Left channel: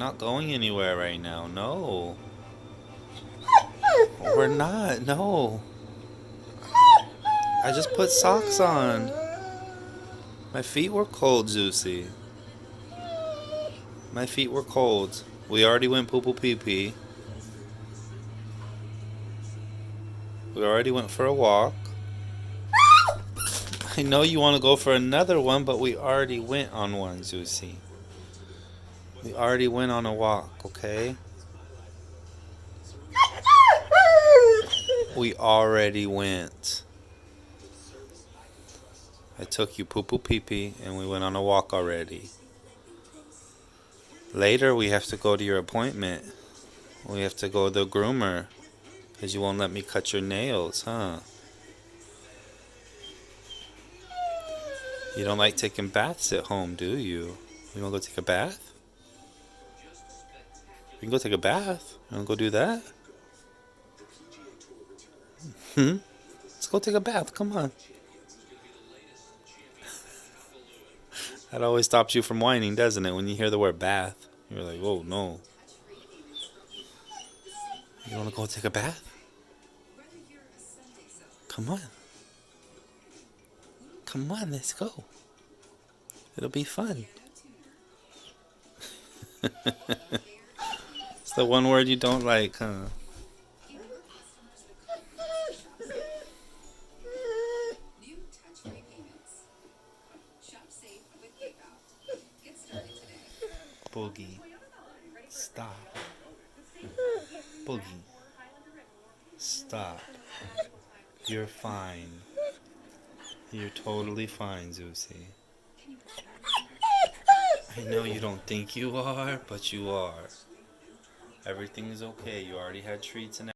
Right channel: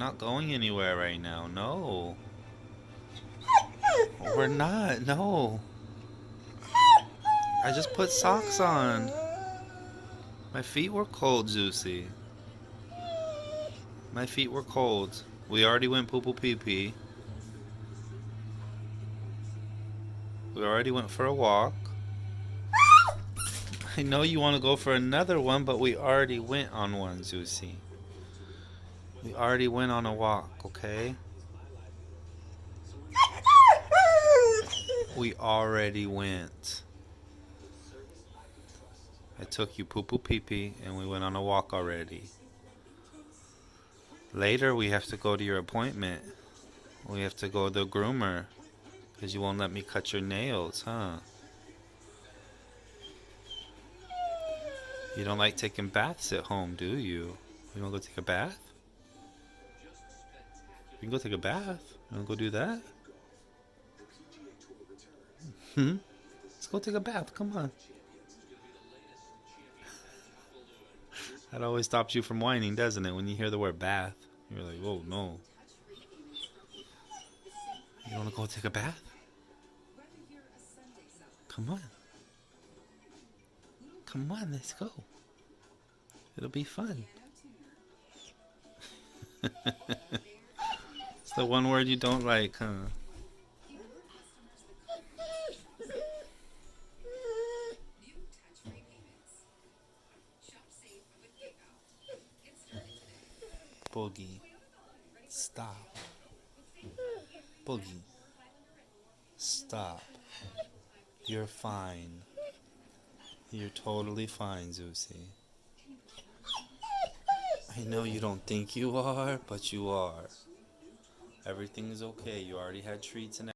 not going anywhere right now. No. We're not. No. I just put socks on. My feet were cold, Zeusy. My feet were cold. We already went poo-poo pee-pee. We already went for a walk. I know you want to go for another one, but we already went on one, Zeusy. We already went on a walk, okay? We already went. I took you poo-poo pee-pee and we went on a walk already. Later we have to go to your appointment. We have to go to the groomer. Because you won't let me cut your nails, huh? You don't like taking baths at home, do you? You want to go take a bath? We can go take a bath. You want to go do that? Let's go take a bath. Come on. That always stops you from whining, doesn't it? When you hear the word bath. You're like, oh, no. You want to go take a bath? Come on. Come on, let's go. It'll be fun. It's the one word you don't like, huh? Boogie. Stop. Boogie. Stop. You're fine. You're totally fine, Zeusy. I know you don't think you are, but you are. Everything is okay. You already had treats and